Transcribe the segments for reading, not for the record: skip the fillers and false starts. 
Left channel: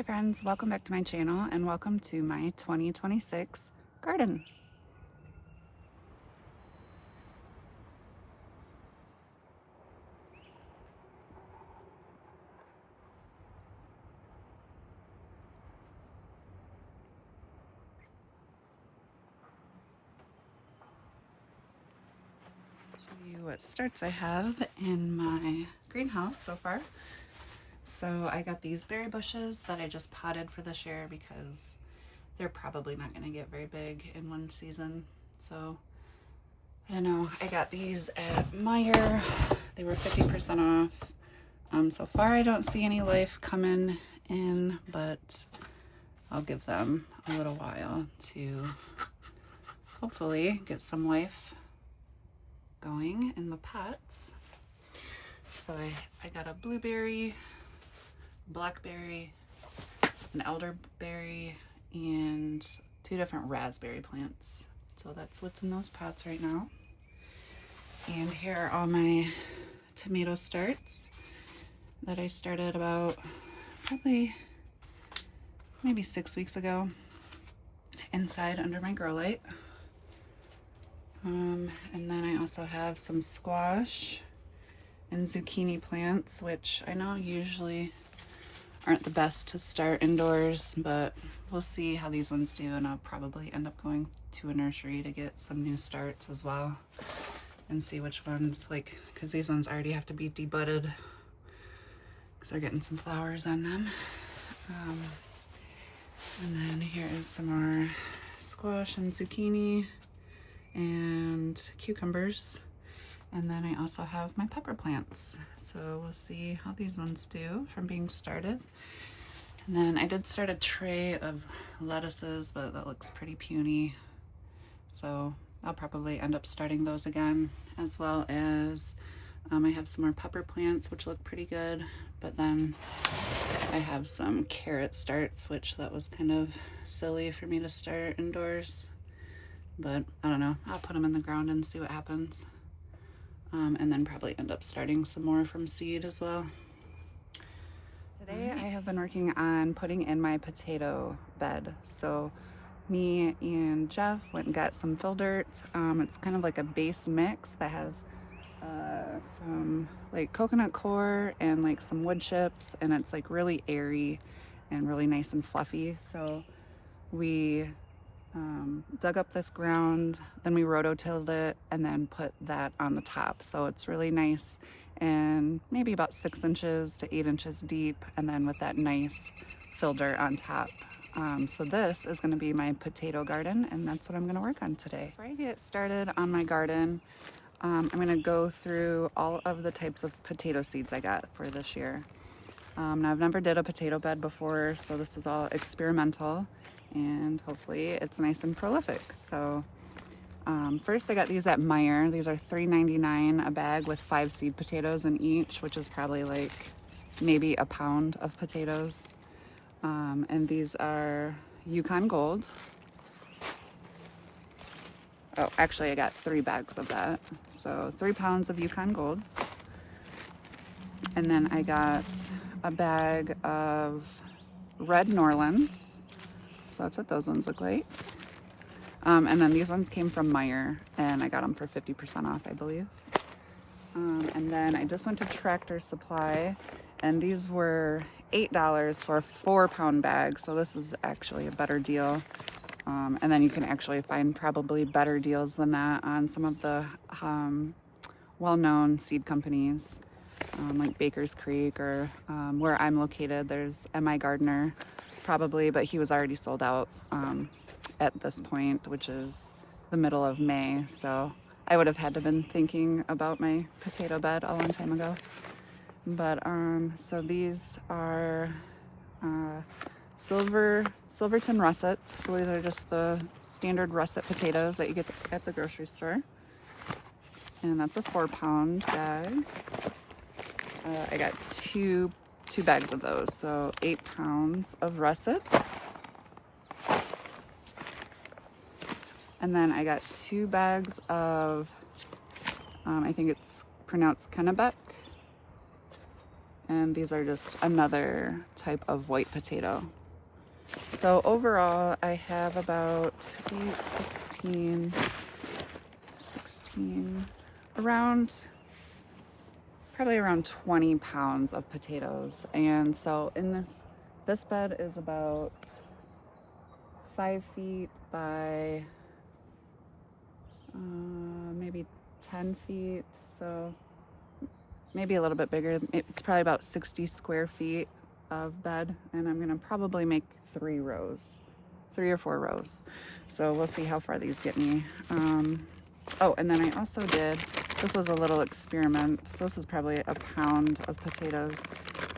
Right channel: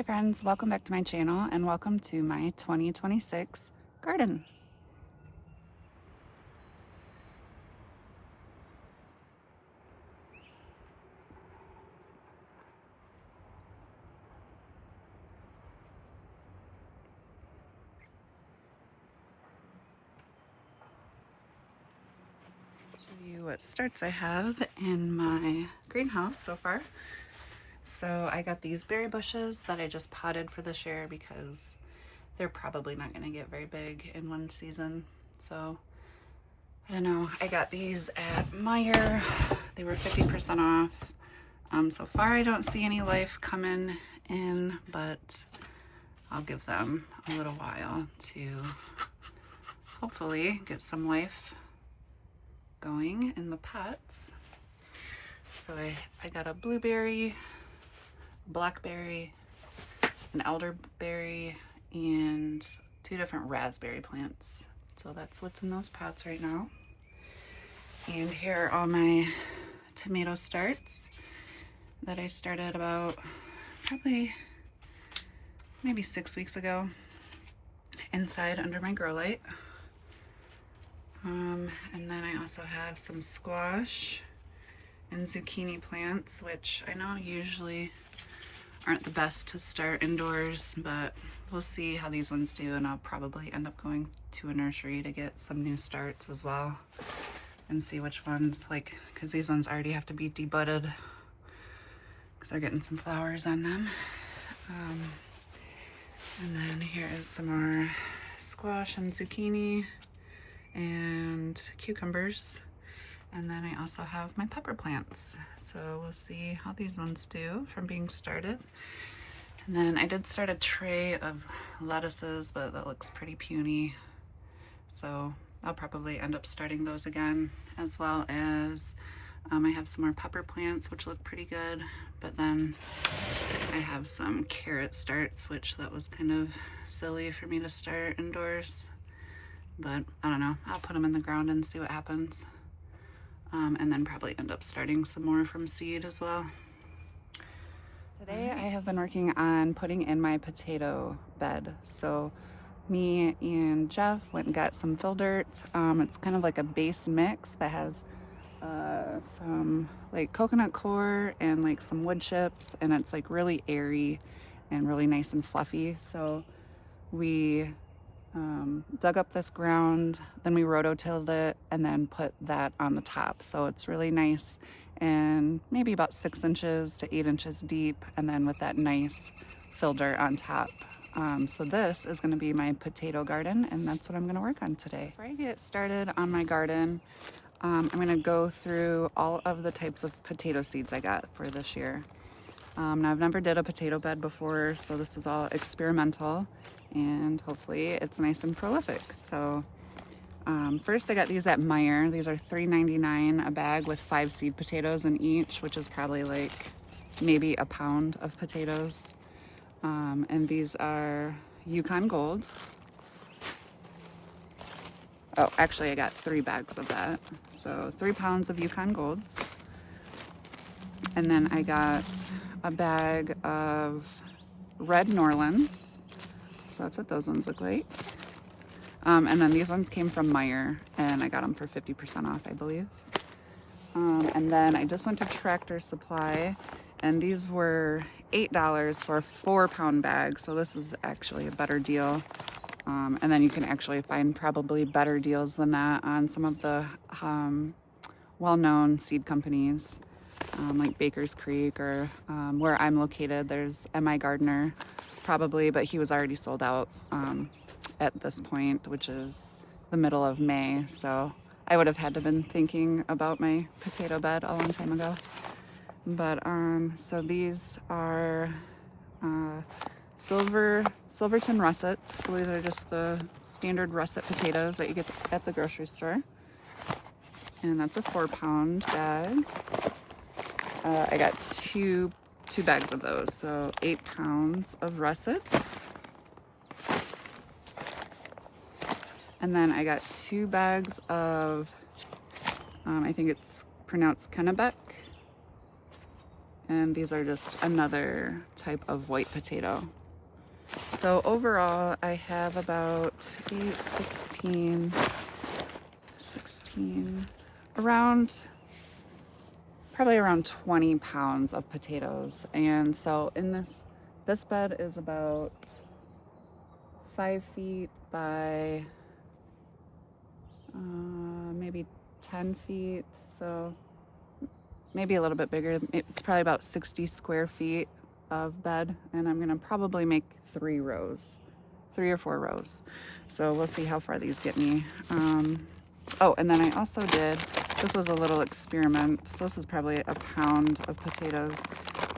Hi friends, welcome back to my channel and welcome to my 2026 garden. Show you what starts I have in my greenhouse so far. So I got these berry bushes that I just potted for this year because they're probably not going to get very big in one season. So I don't know, I got these at Meijer. They were 50% off. So far I don't see any life coming in, but I'll give them a little while to hopefully get some life going in the pots. So I got a blueberry, blackberry, an elderberry, and 2 different raspberry plants. So that's what's in those pots right now. And here are all my tomato starts that I started about probably maybe 6 weeks ago inside under my grow light. And then I also have some squash and zucchini plants, which I know usually aren't the best to start indoors, but we'll see how these ones do, and I'll probably end up going to a nursery to get some new starts as well and see which ones, like, because these ones already have to be debudded because they're getting some flowers on them. And then here is some more squash and zucchini and cucumbers. And then I also have my pepper plants. So we'll see how these ones do from being started. And then I did start a tray of lettuces, but that looks pretty puny. So I'll probably end up starting those again, as well as I have some more pepper plants, which look pretty good. But then I have some carrot starts, which that was kind of silly for me to start indoors. But I don't know, I'll put them in the ground and see what happens. And then probably end up starting some more from seed as well. Today I have been working on putting in my potato bed. So me and Jeff went and got some fill dirt. It's kind of like a base mix that has some like coconut coir and like some wood chips, and it's like really airy and really nice and fluffy. So we dug up this ground, then we rototilled it, and then put that on the top. So it's really nice and maybe about 6 inches to 8 inches deep, and then with that nice fill dirt on top. So this is going to be my potato garden, and that's what I'm going to work on today. Before I get started on my garden, I'm going to go through all of the types of potato seeds I got for this year. Now I've never did a potato bed before, so this is all experimental, and hopefully it's nice and prolific. So first I got these at Meijer. These are $3.99 a bag with 5 seed potatoes in each, which is probably like maybe a pound of potatoes. And these are Yukon Gold. Oh, actually I got 3 bags of that. So 3 pounds of Yukon Golds. And then I got a bag of Red Norlands. So that's what those ones look like. And then these ones came from Meijer, and I got them for 50% off, I believe. And then I just went to Tractor Supply, and these were $8 for a 4-pound bag. So this is actually a better deal. And then you can actually find probably better deals than that on some of the well-known seed companies, like Baker's Creek, or where I'm located, there's M.I. Gardner probably, but he was already sold out at this point, which is the middle of May. So I would have had to been thinking about my potato bed a long time ago. But so these are Silverton russets. So these are just the standard russet potatoes that you get at the grocery store. And that's a 4-pound bag. I got two bags of those, so 8 pounds of russets. And then I got 2 bags of, I think it's pronounced Kennebec. And these are just another type of white potato. So overall, I have about 8, 16, probably around 20 pounds of potatoes. And so in this bed is about 5 feet by maybe 10 feet. So maybe a little bit bigger. It's probably about 60 square feet of bed. And I'm gonna probably make 3 rows, 3 or 4 rows. So we'll see how far these get me. Oh, and then I also this was a little experiment. So this is probably a pound of potatoes,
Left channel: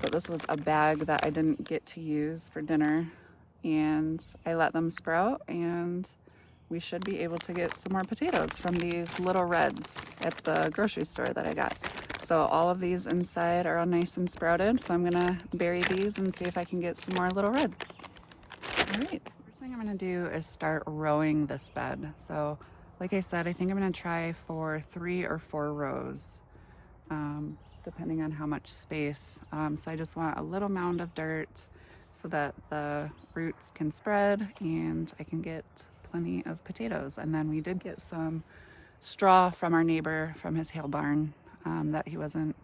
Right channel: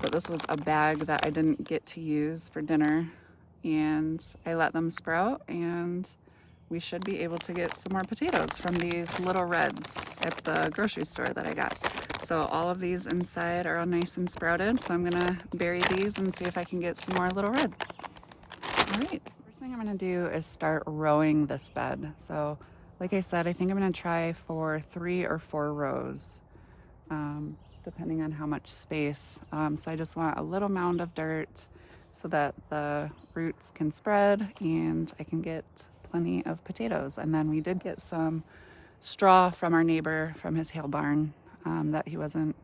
but this was a bag that I didn't get to use for dinner. And I let them sprout, and we should be able to get some more potatoes from these little reds at the grocery store that I got. So all of these inside are all nice and sprouted. So I'm gonna bury these and see if I can get some more little reds. All right, first thing I'm gonna do is start rowing this bed. So like I said, I think I'm gonna try for 3 or 4 rows, depending on how much space. So I just want a little mound of dirt so that the roots can spread and I can get plenty of potatoes. And then we did get some straw from our neighbor from his hail barn that he wasn't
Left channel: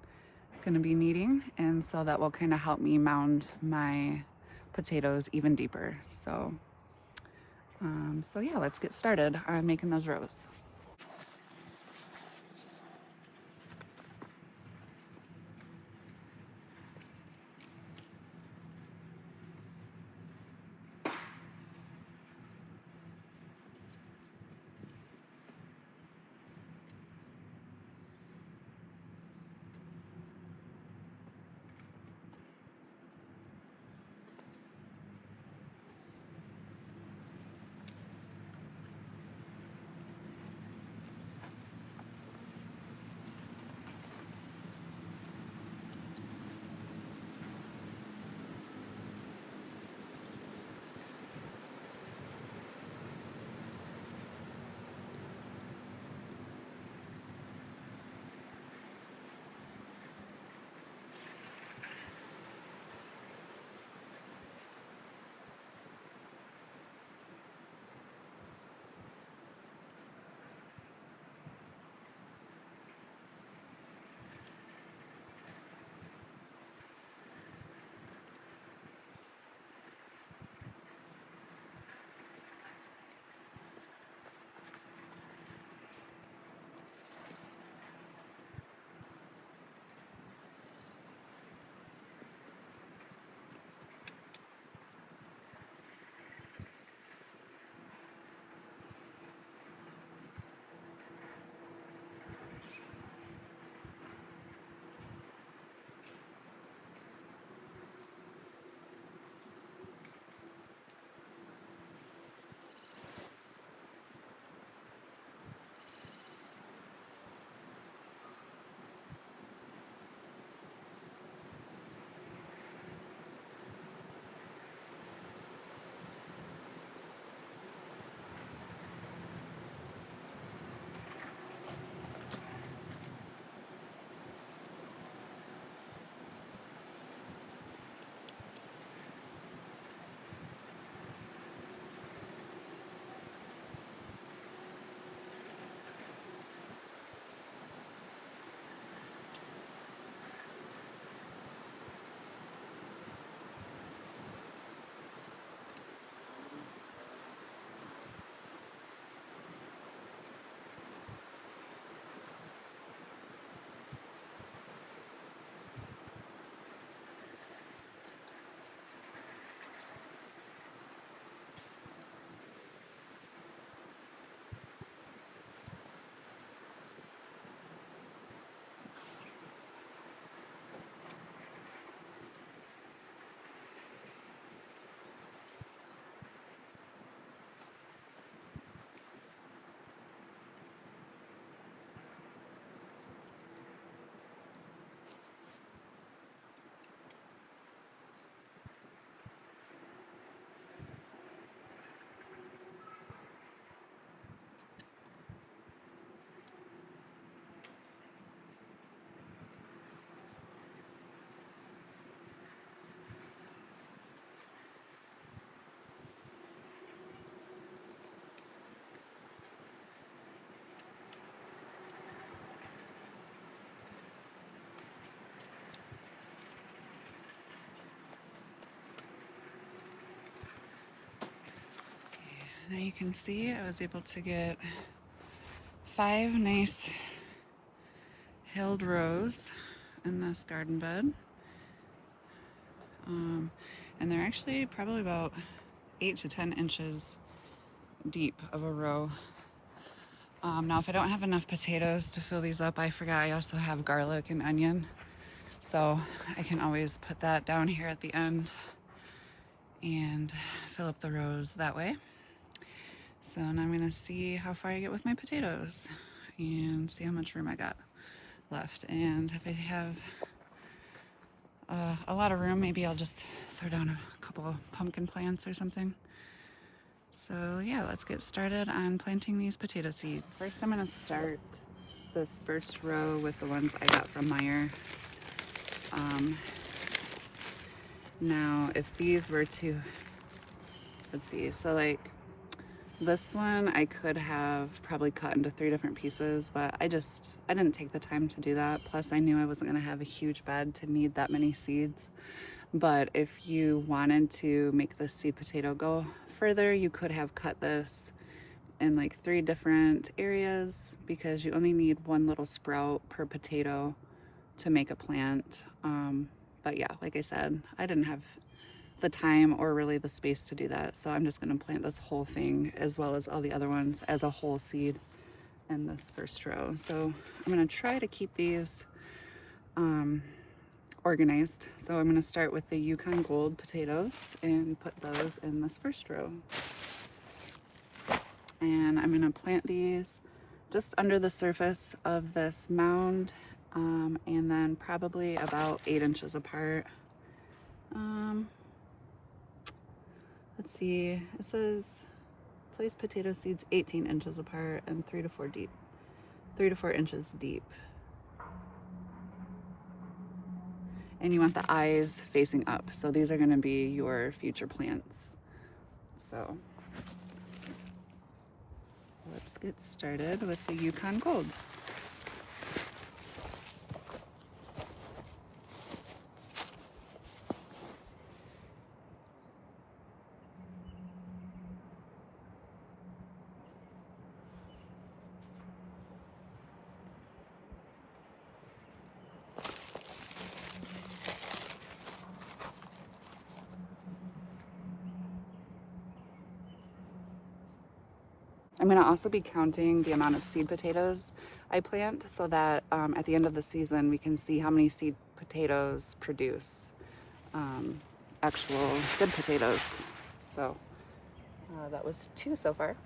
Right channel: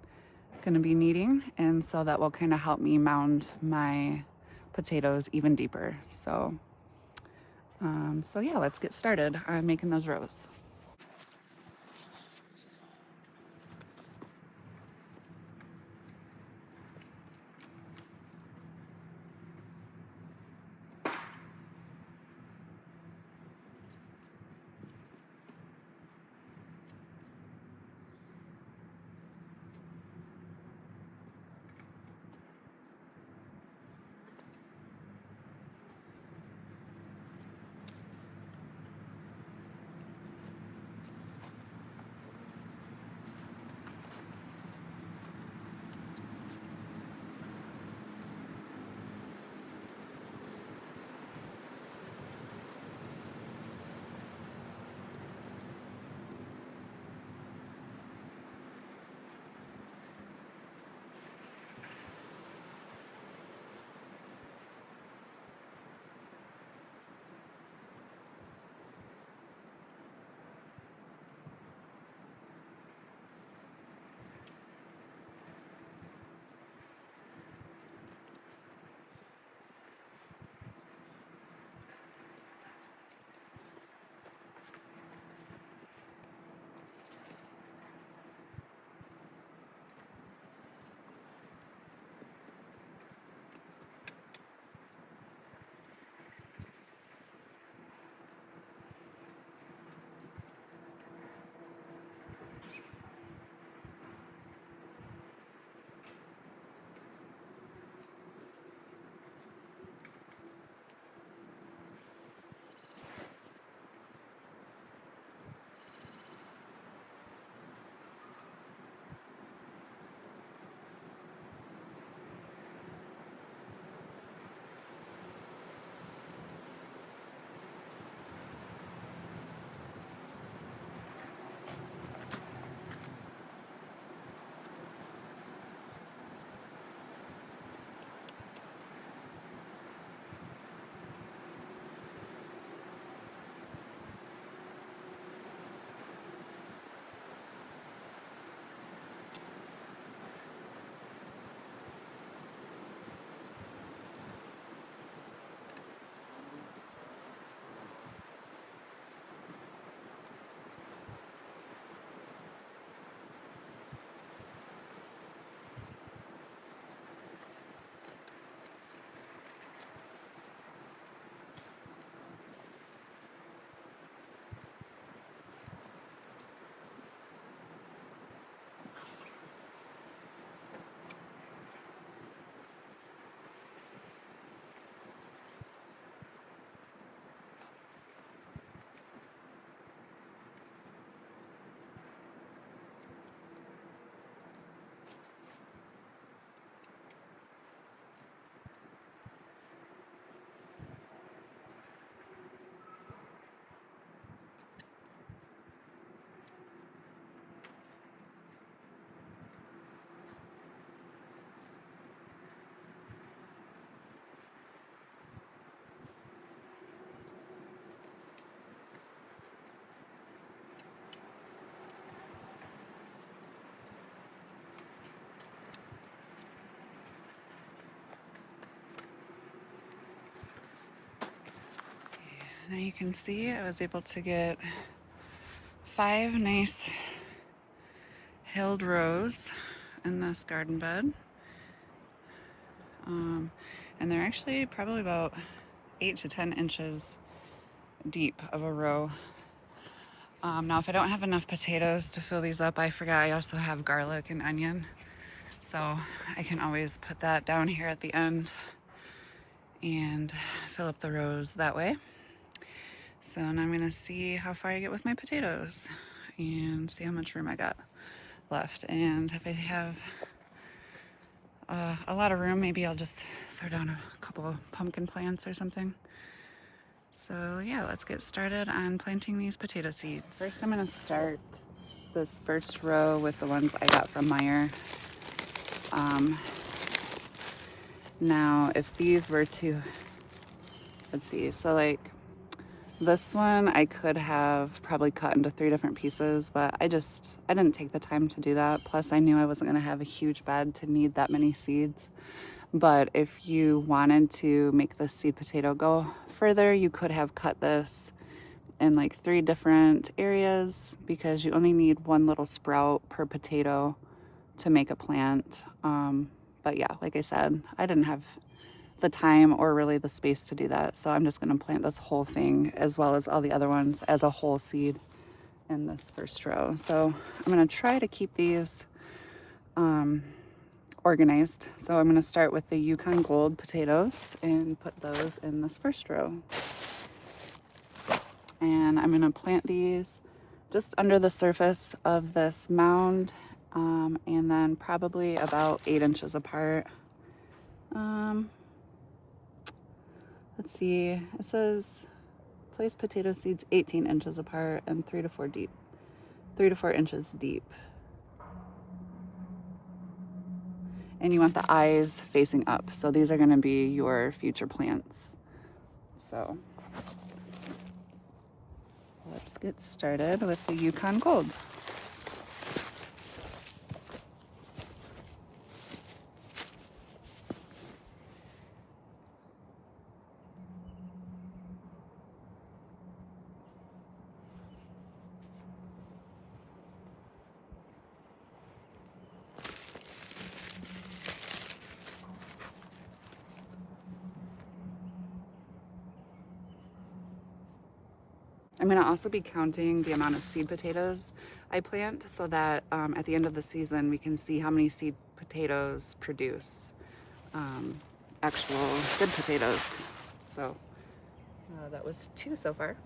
gonna be needing. And so that will kind of help me mound my potatoes even deeper. So yeah, let's get started on making those rows. Now you can see I was able to get 5 nice hilled rows in this garden bed. And they're actually probably about 8 to 10 inches deep of a row. Now if I don't have enough potatoes to fill these up, I forgot I also have garlic and onion. So I can always put that down here at the end and fill up the rows that way. So now I'm gonna see how far I get with my potatoes and see how much room I got left. And if I have a lot of room, maybe I'll just throw down a couple of pumpkin plants or something. So yeah, let's get started on planting these potato seeds. First I'm gonna start this first row with the ones I got from Meijer. Now if these were to, let's see, so like this one I could have probably cut into 3 different pieces, but I didn't take the time to do that. Plus I knew I wasn't gonna have a huge bed to need that many seeds. But if you wanted to make the seed potato go further, you could have cut this in like 3 different areas because you only need 1 little sprout per potato to make a plant. But yeah, like I said, I didn't have the time or really the space to do that. So I'm just gonna plant this whole thing as well as all the other ones as a whole seed in this first row. So I'm gonna try to keep these organized. So I'm gonna start with the Yukon Gold potatoes and put those in this first row. And I'm gonna plant these just under the surface of this mound, and then probably about 8 inches apart. Let's see, it says place potato seeds 18 inches apart and 3 to 4 inches deep. And you want the eyes facing up. So these are gonna be your future plants. So let's get started with the Yukon Gold. I'm gonna also be counting the amount of seed potatoes I plant so that at the end of the season we can see how many seed potatoes produce actual good potatoes. So that was 2 so far.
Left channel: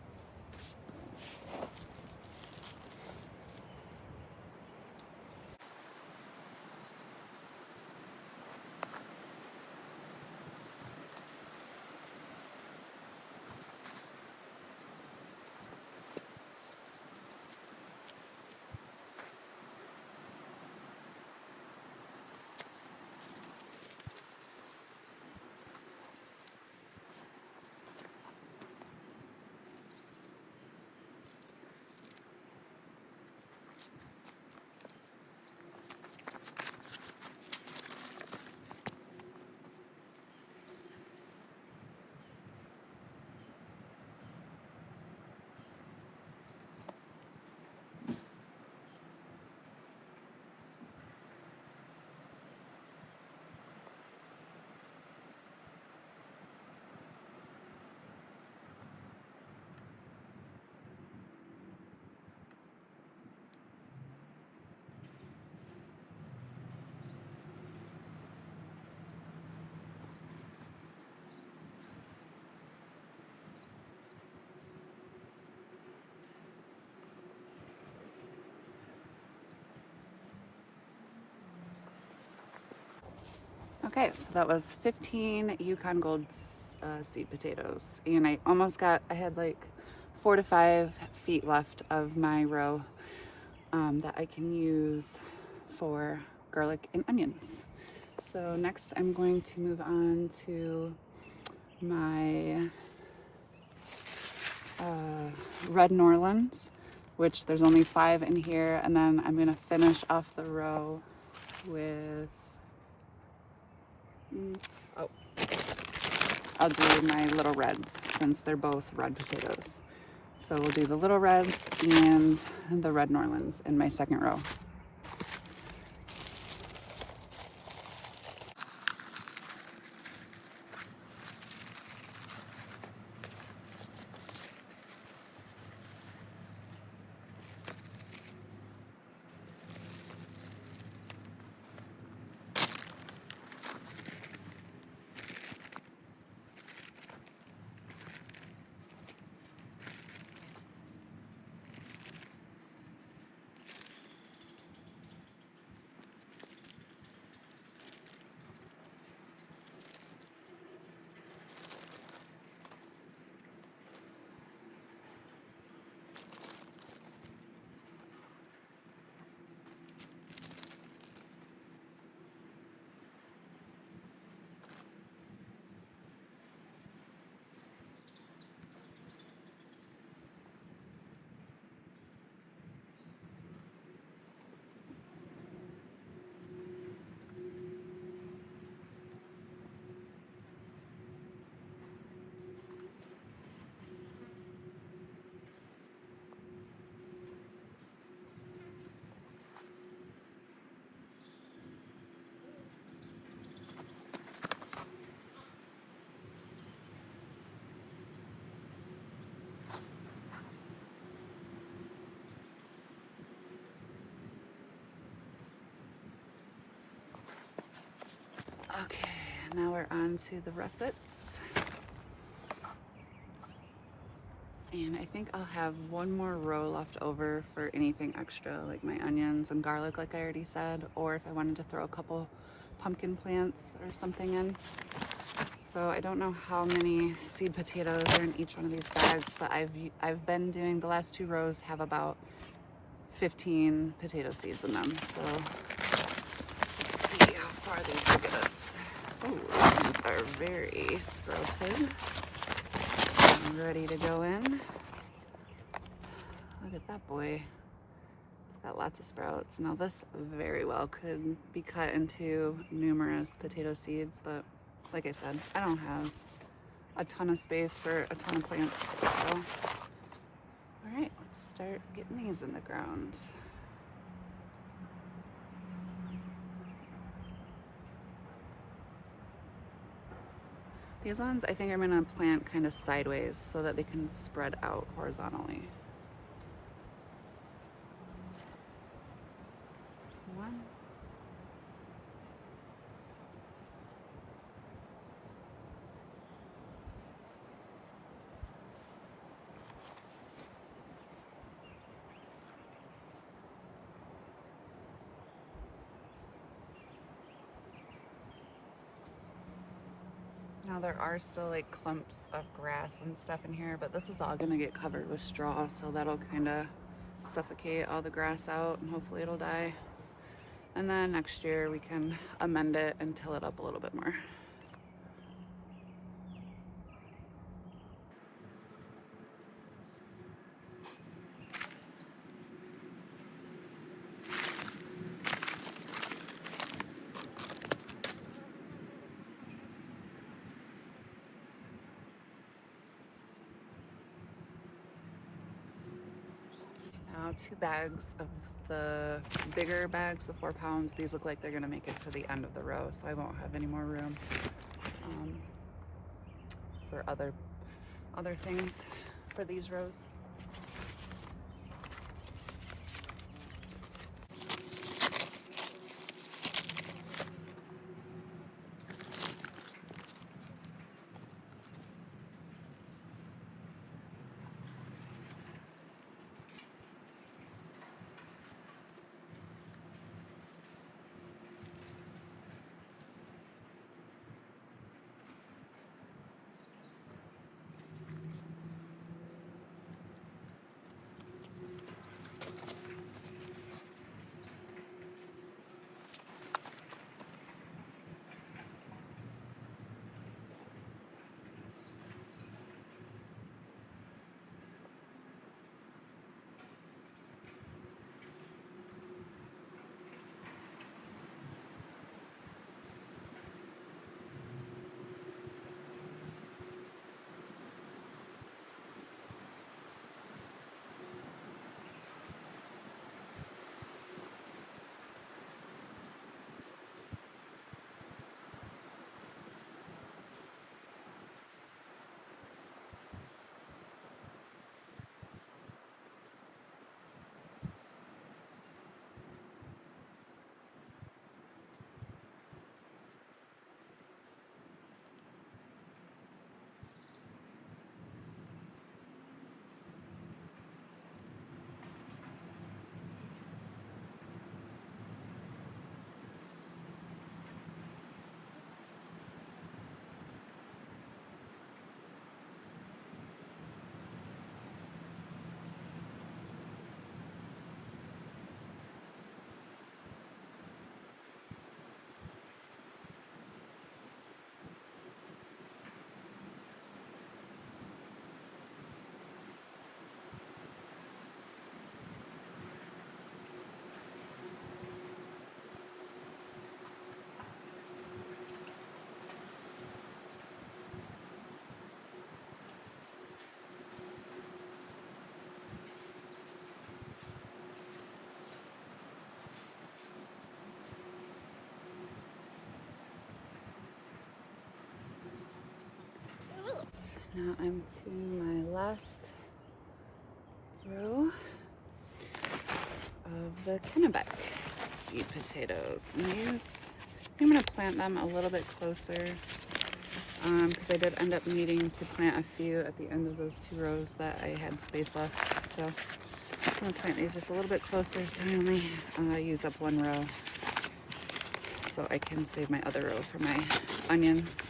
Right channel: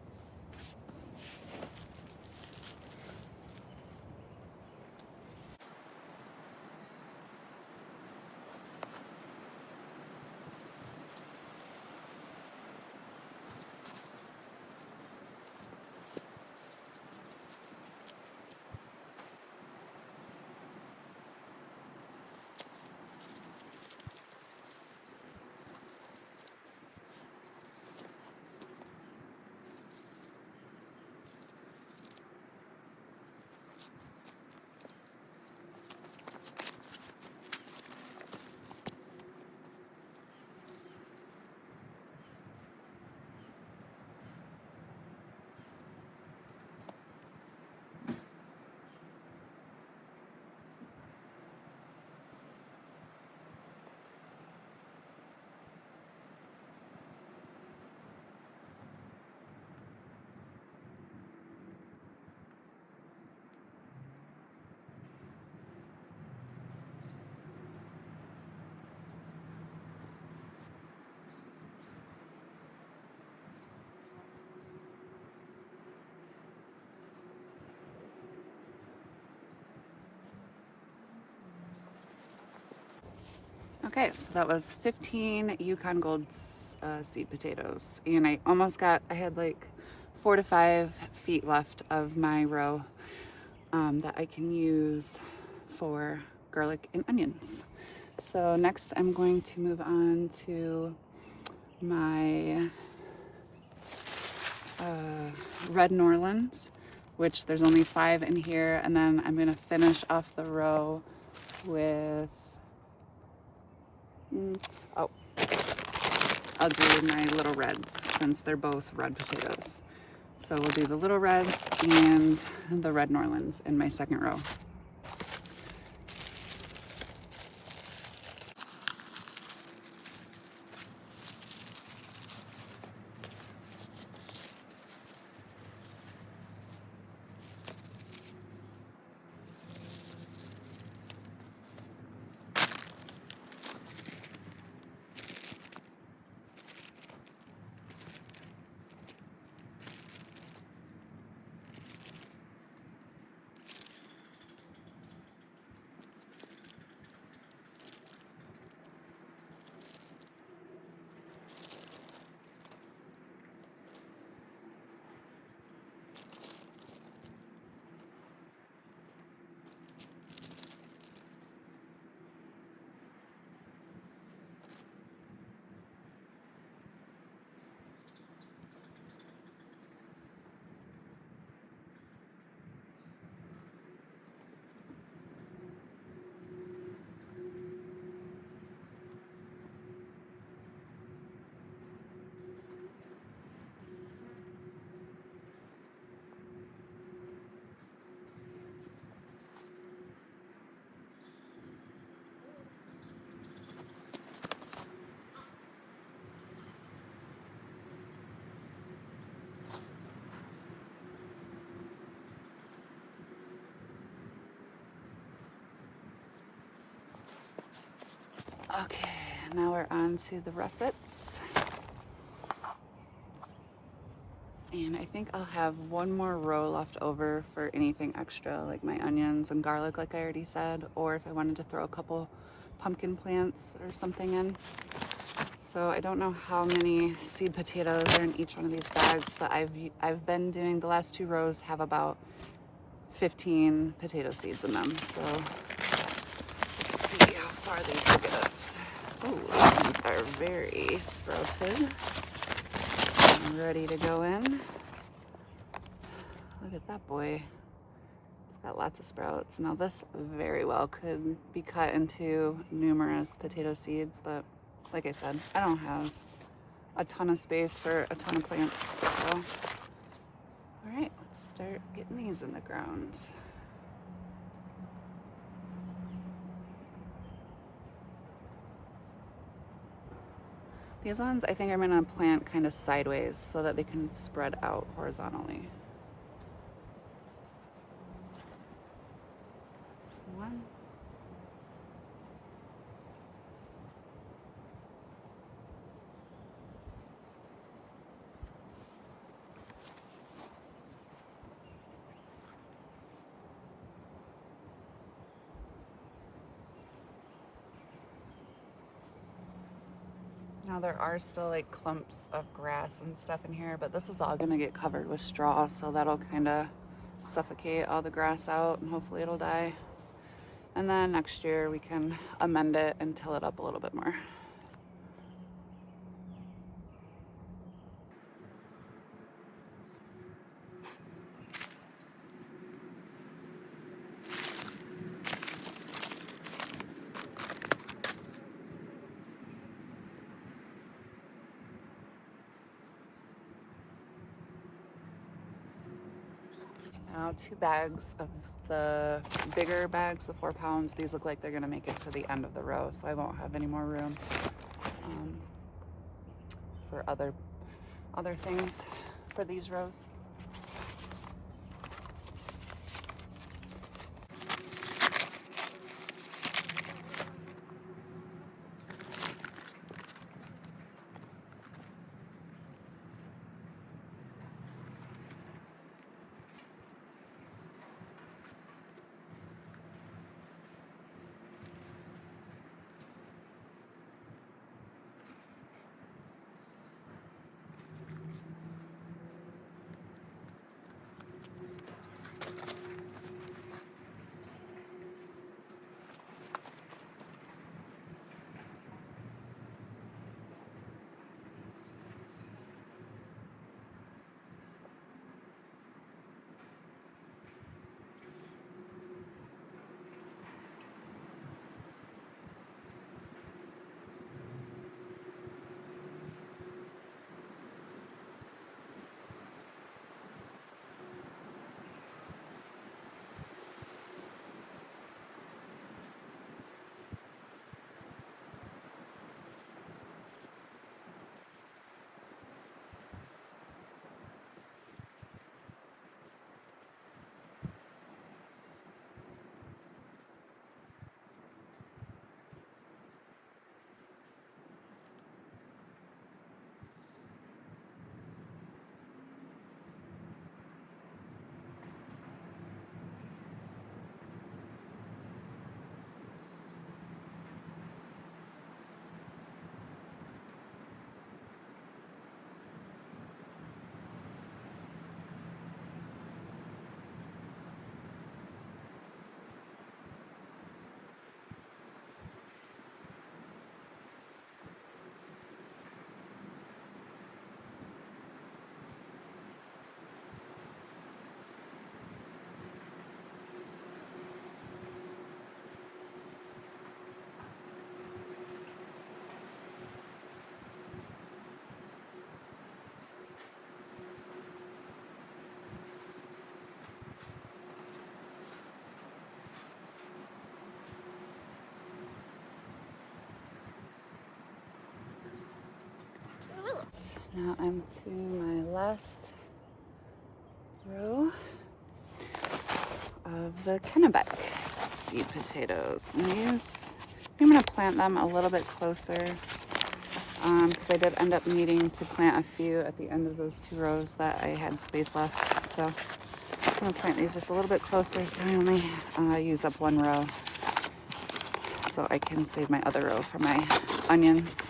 Okay, so that was 15 Yukon Gold seed potatoes. And I had like 4 to 5 feet left of my row that I can use for garlic and onions. So next I'm going to move on to my Red Norlands, which there's only 5 in here. And then I'm gonna finish off the row with I'll do my little reds since they're both red potatoes. So we'll do the little reds and the red Norlands in my second row. Okay, now we're on to the russets. And I think I'll have one more row left over for anything extra, like my onions and garlic, like I already said, or if I wanted to throw a couple pumpkin plants or something in. So I don't know how many seed potatoes are in each one of these bags, but I've been doing, the last 2 rows have about 15 potato seeds in them. So let's see how far these will get us. Oh, these are very sprouted. I'm ready to go in. Look at that boy. It's got lots of sprouts. Now this very well could be cut into numerous potato seeds, but like I said, I don't have a ton of space for a ton of plants. So, all right, let's start getting these in the ground. These ones I think I'm gonna plant kind of sideways so that they can spread out horizontally. There's one. Now there are still like clumps of grass and stuff in here, but this is all gonna get covered with straw, so that'll kind of suffocate all the grass out and hopefully it'll die. And then next year we can amend it and till it up a little bit more. Now 2 bags of the bigger bags, the 4 pounds. These look like they're gonna make it to the end of the row, so I won't have any more room for other things for these rows. Now I'm to my last row of the Kennebec seed potatoes. And these, I'm going to plant them a little bit closer because I did end up needing to plant a few at the end of those 2 rows that I had space left. So I'm going to plant these just a little bit closer so I only use up 1 row so I can save my other row for my onions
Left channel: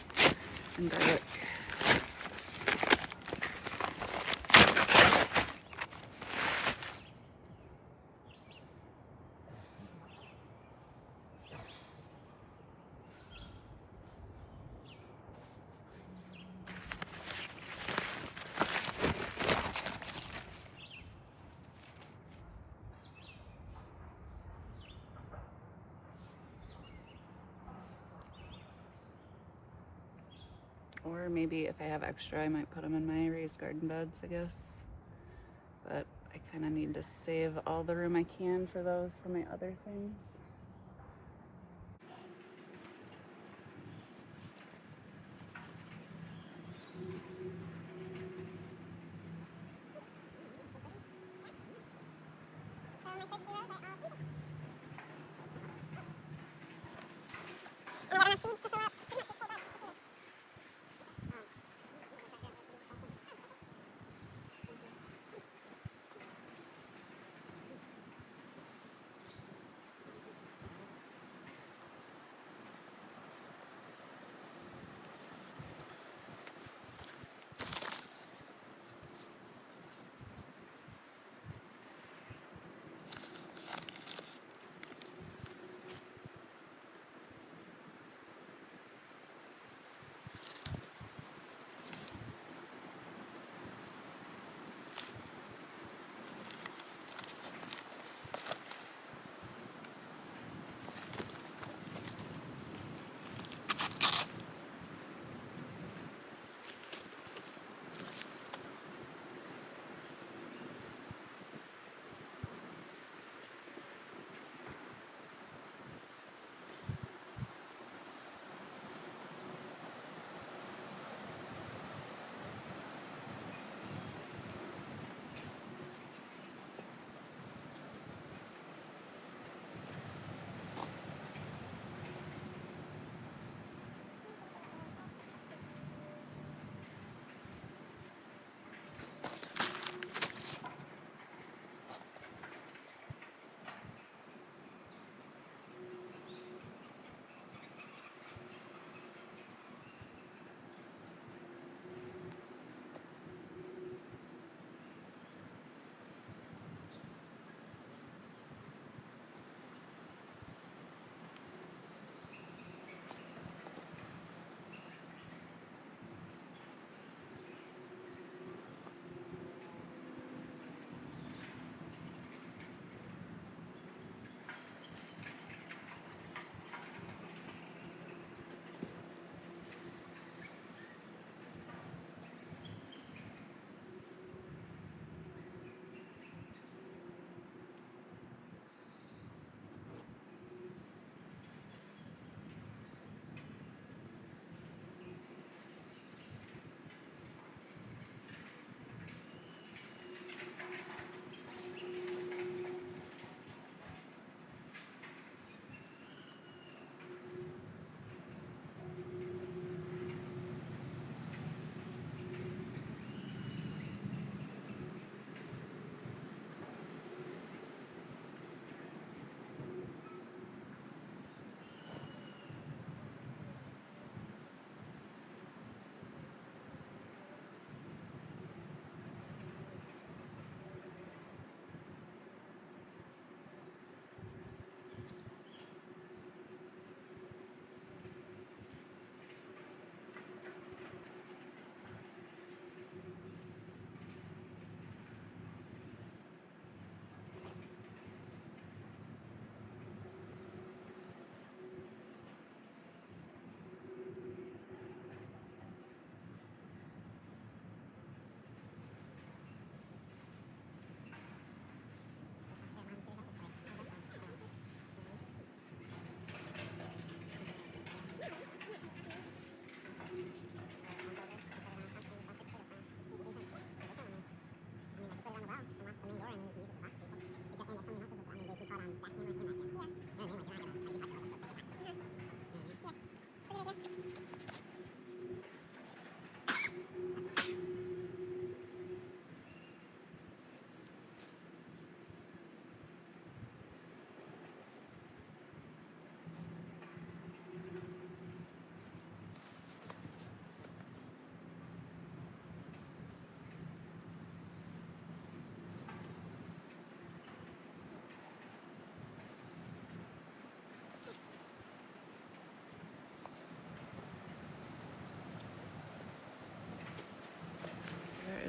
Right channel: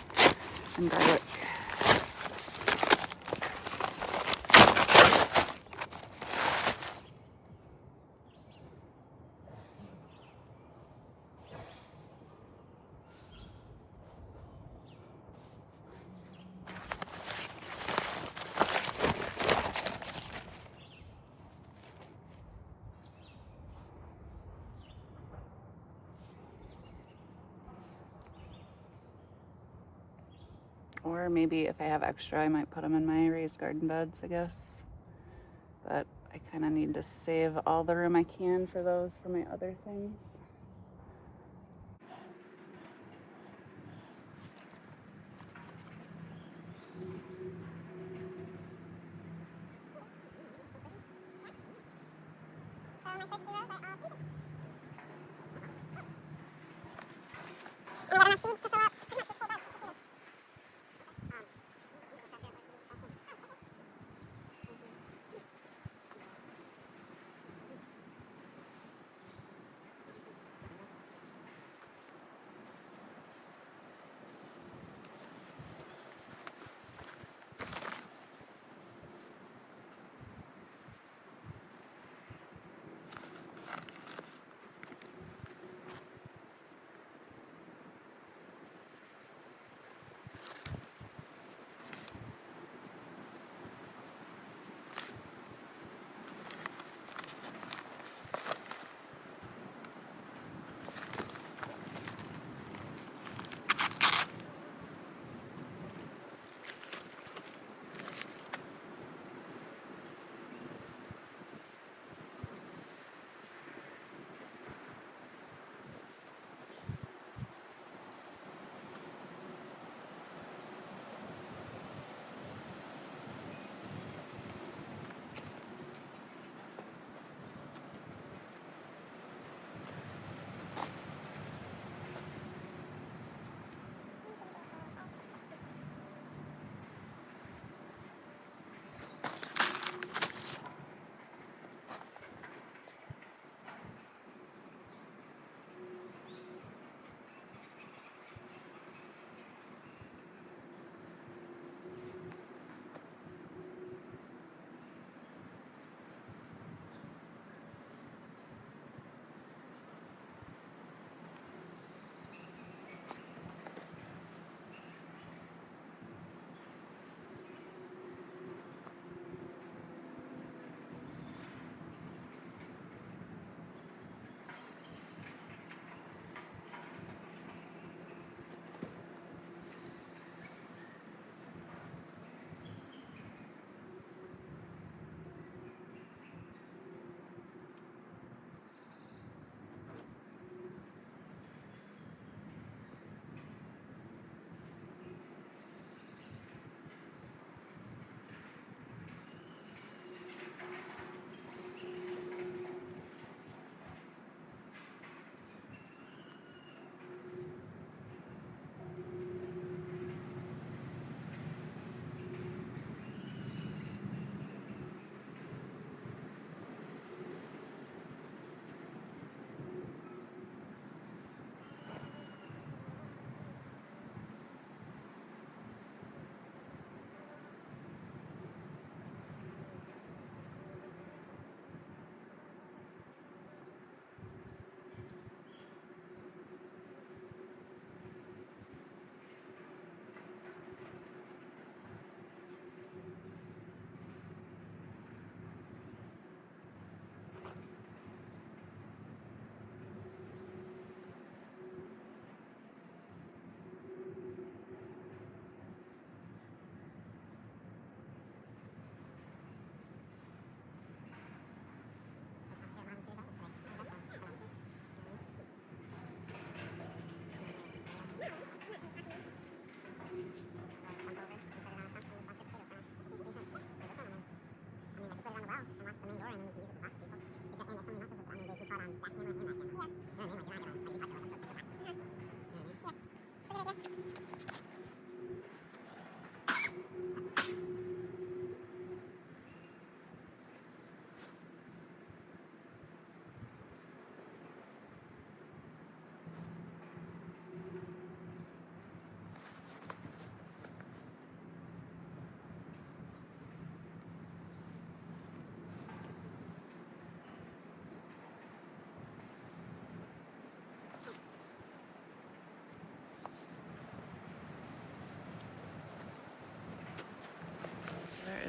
and garlic. Or maybe if I have extra, I might put them in my raised garden beds, I guess. But I kind of need to save all the room I can for those for my other things.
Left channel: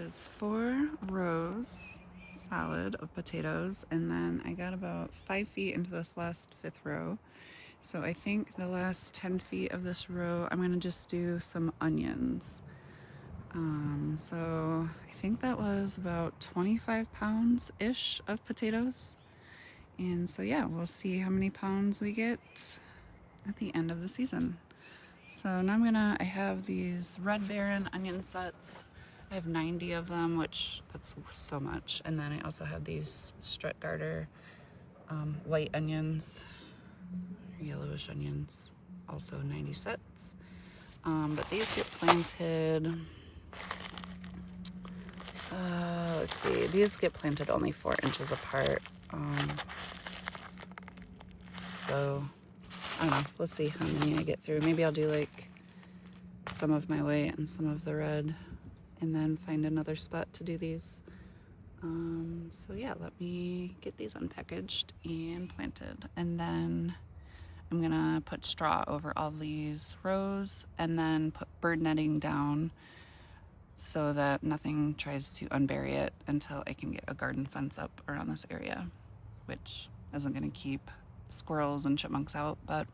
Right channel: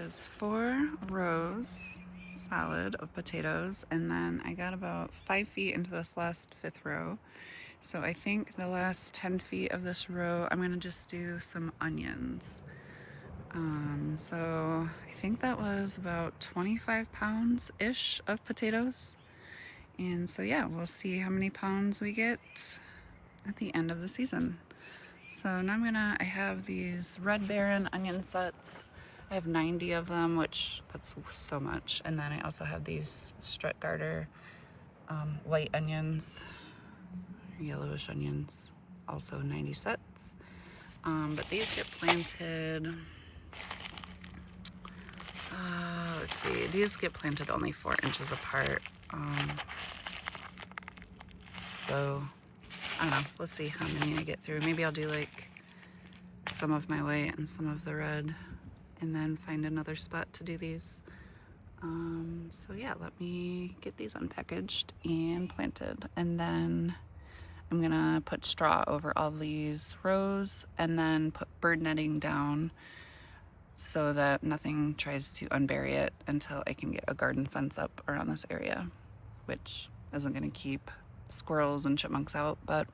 is 4 rows solid of potatoes, and then I got about 5 feet into this last 5th row. So I think the last 10 feet of this row, I'm gonna just do some onions. So I think that was about 25 pounds-ish of potatoes. And so yeah, we'll see how many pounds we get at the end of the season. So now I have these Red Baron onion sets. I have 90 of them, which that's so much. And then I also have these Stuttgarter white onions, yellowish onions, also 90 sets. But these get planted, let's see, these get planted only 4 inches apart. So I don't know, we'll see how many I get through. Maybe I'll do like some of my white and some of the red, and then find another spot to do these. So yeah, let me get these unpackaged and planted, and then I'm gonna put straw over all these rows and then put bird netting down so that nothing tries to unbury it until I can get a garden fence up around this area, which isn't gonna keep squirrels and chipmunks out, but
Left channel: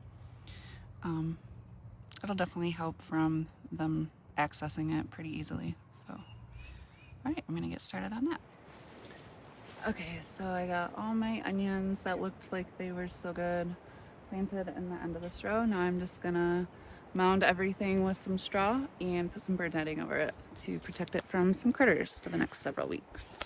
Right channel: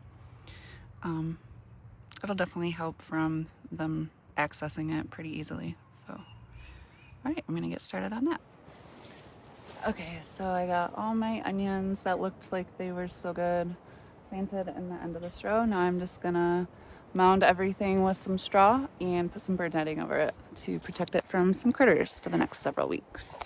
it'll definitely help from them accessing it pretty easily. So, all right, I'm gonna get started on that. Okay, so I got all my onions that looked like they were still good planted in the end of this row. Now I'm just gonna mound everything with some straw and put some bird netting over it to protect it from some critters for the next several weeks.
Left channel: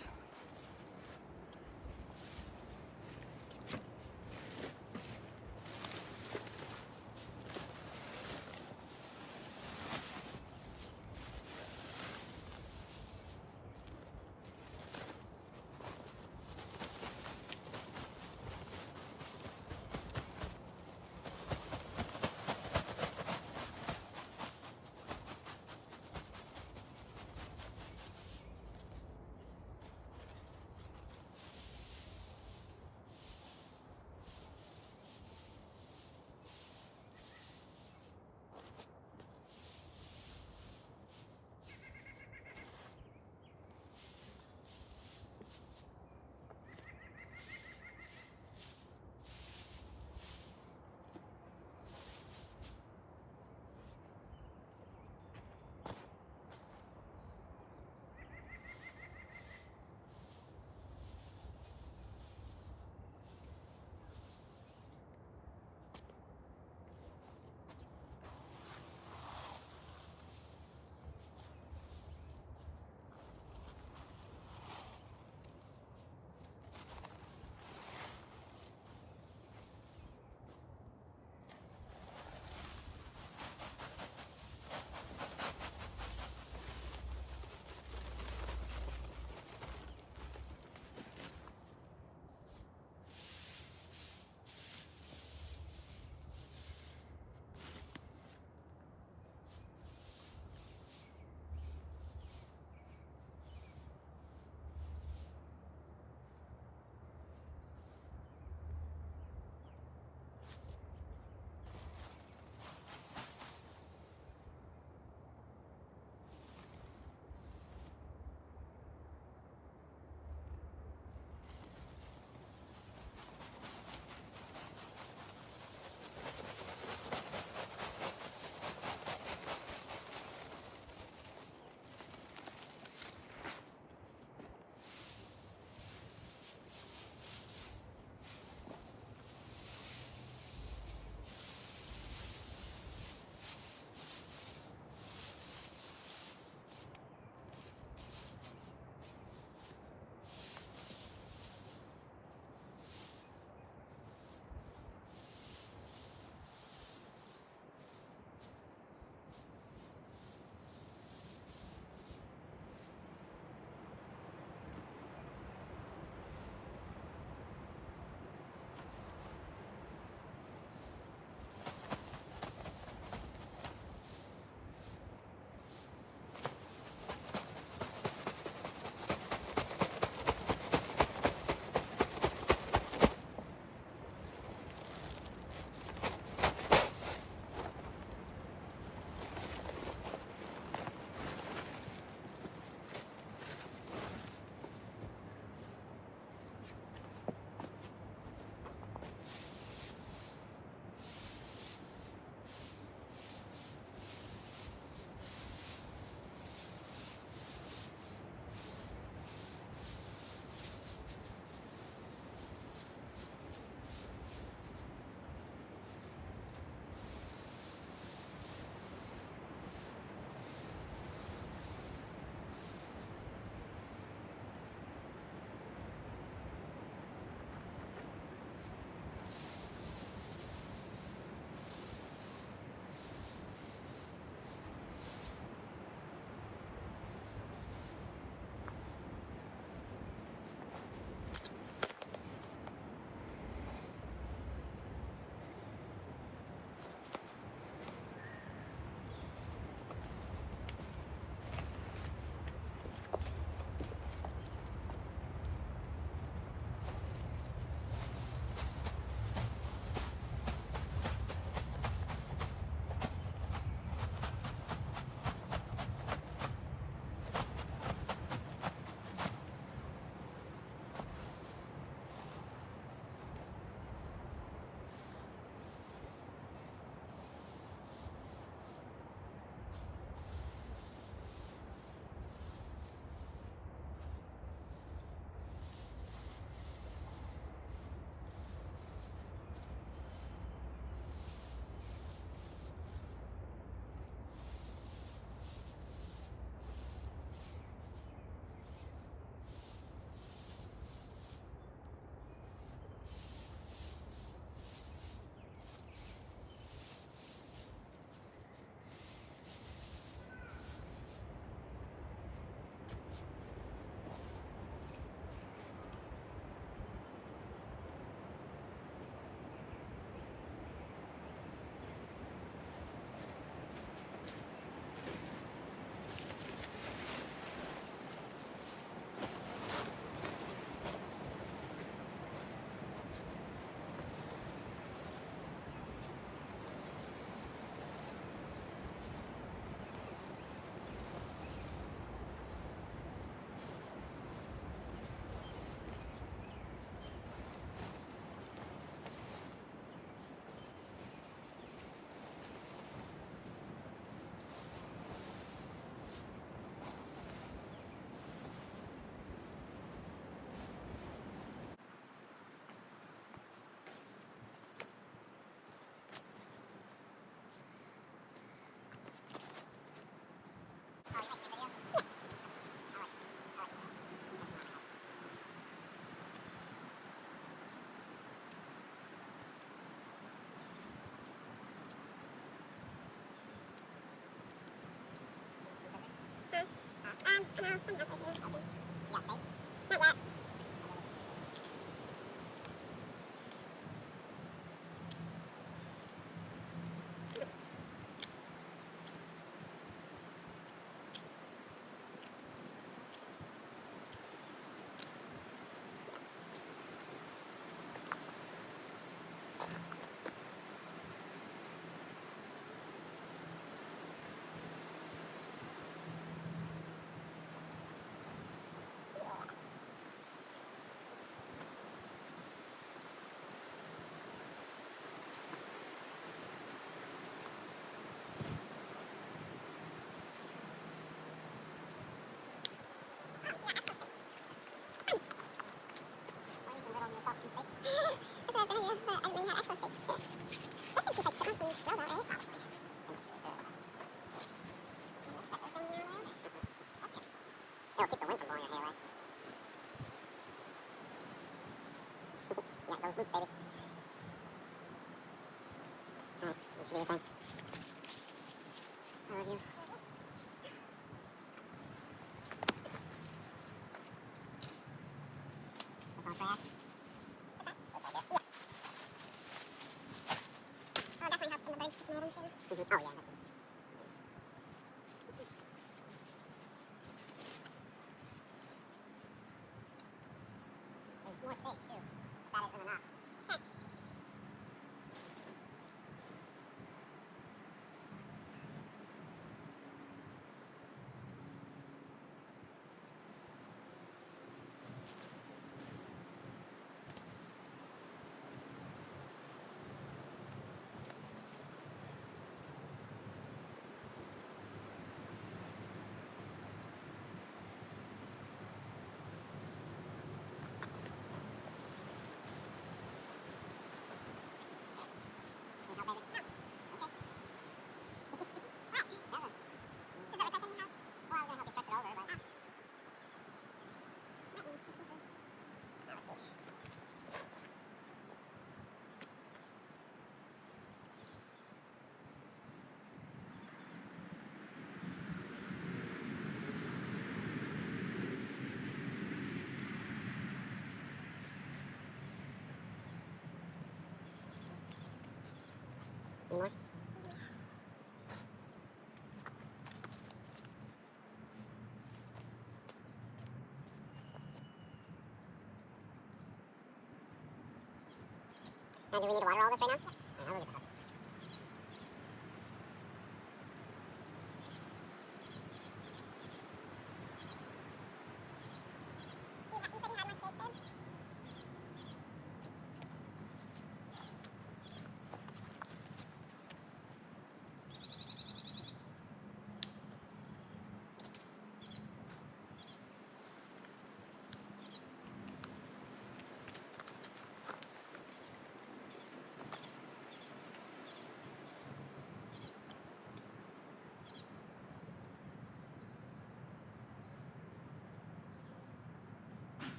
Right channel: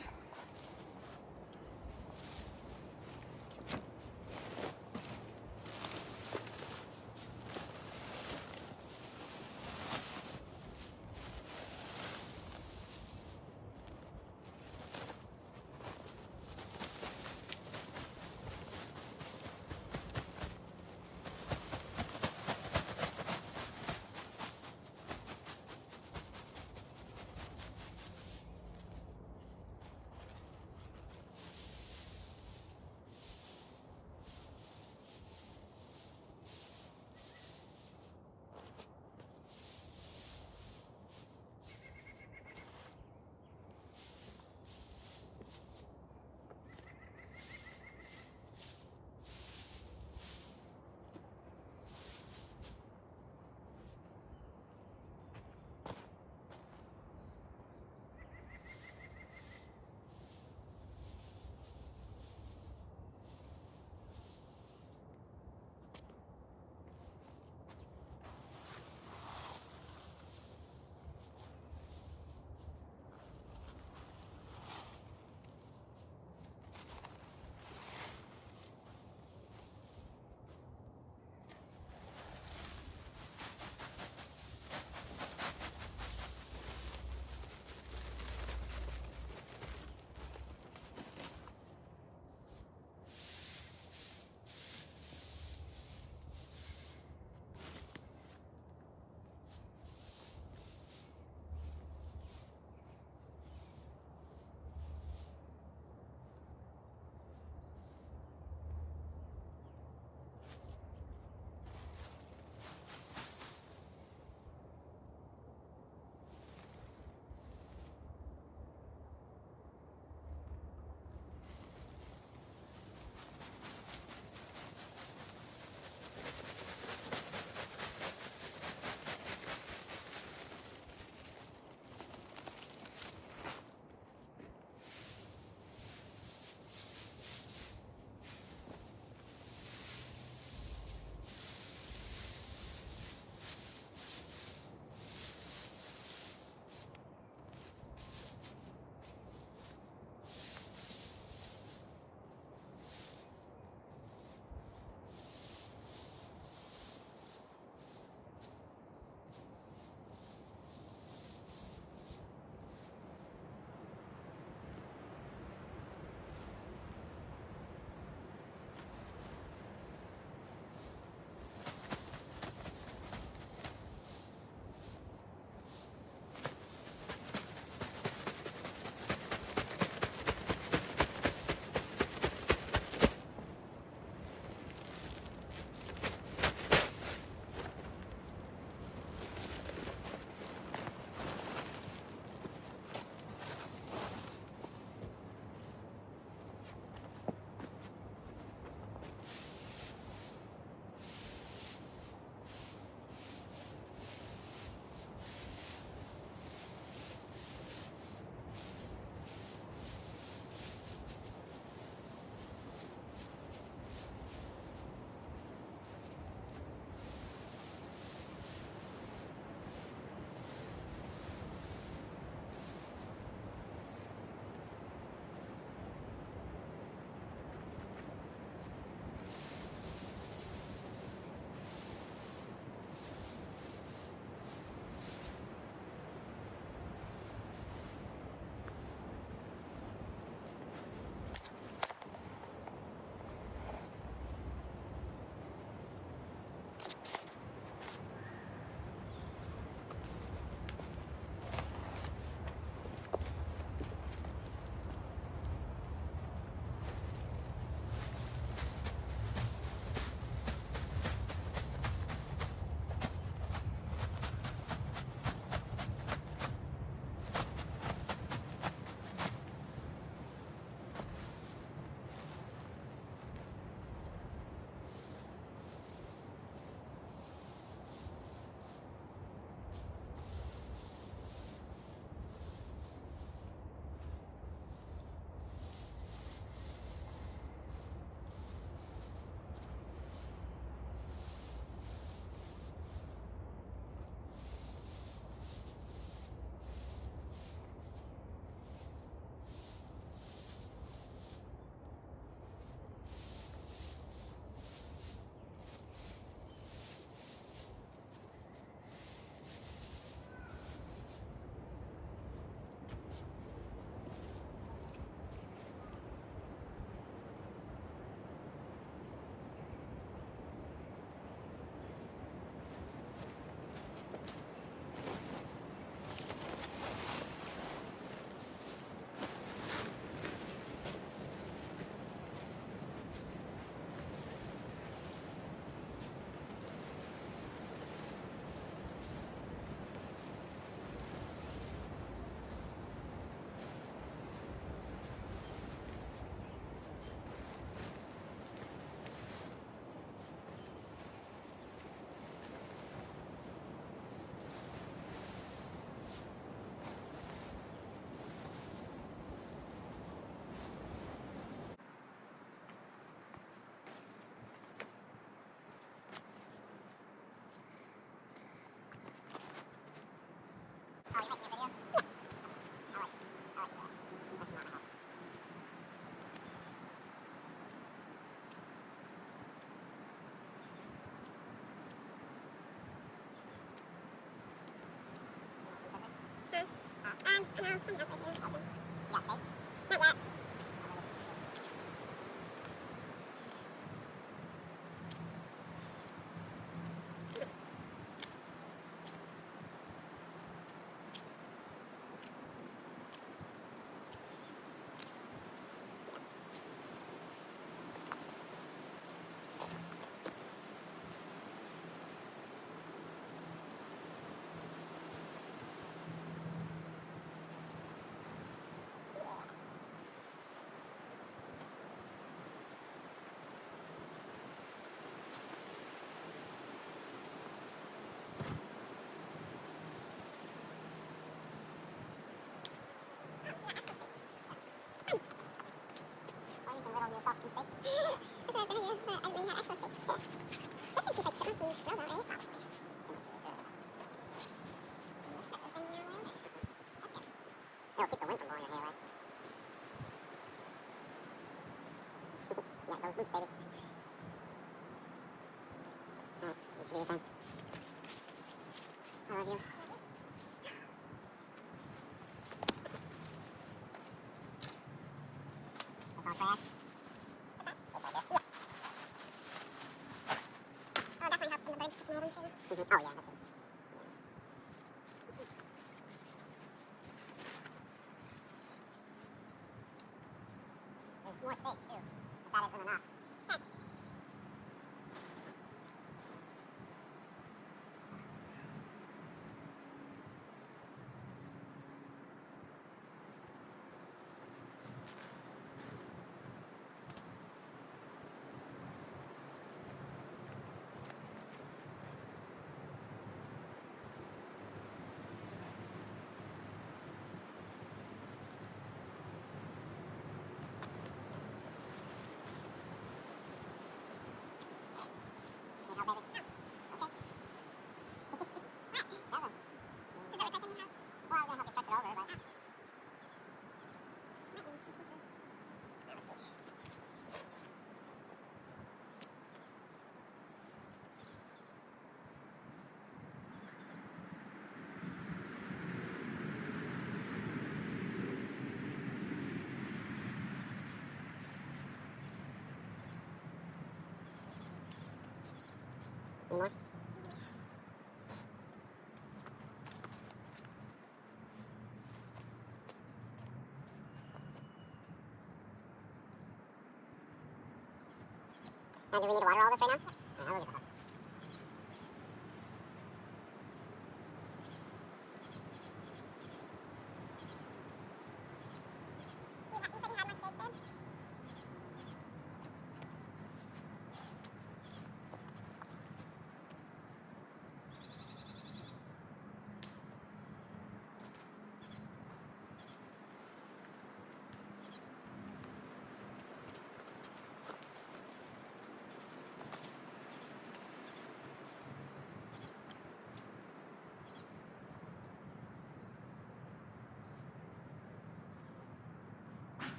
Now, do we need to water all this right now? Yeah, I'll leave it.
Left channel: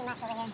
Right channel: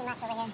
too much over here.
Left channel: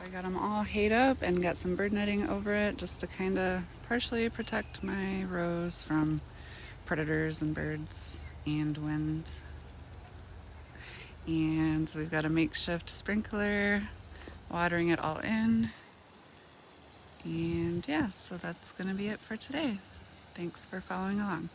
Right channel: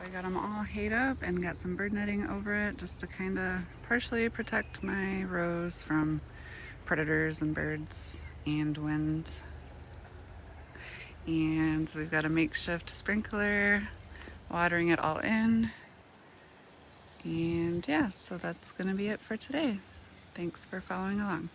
So I got them all hayed up and got some bird netting over it just to kind of partially protect my rows from predators and birds and wind. And we've got a makeshift sprinkler watering it all in. And yeah, so that's going to be it for today. Thanks for following along.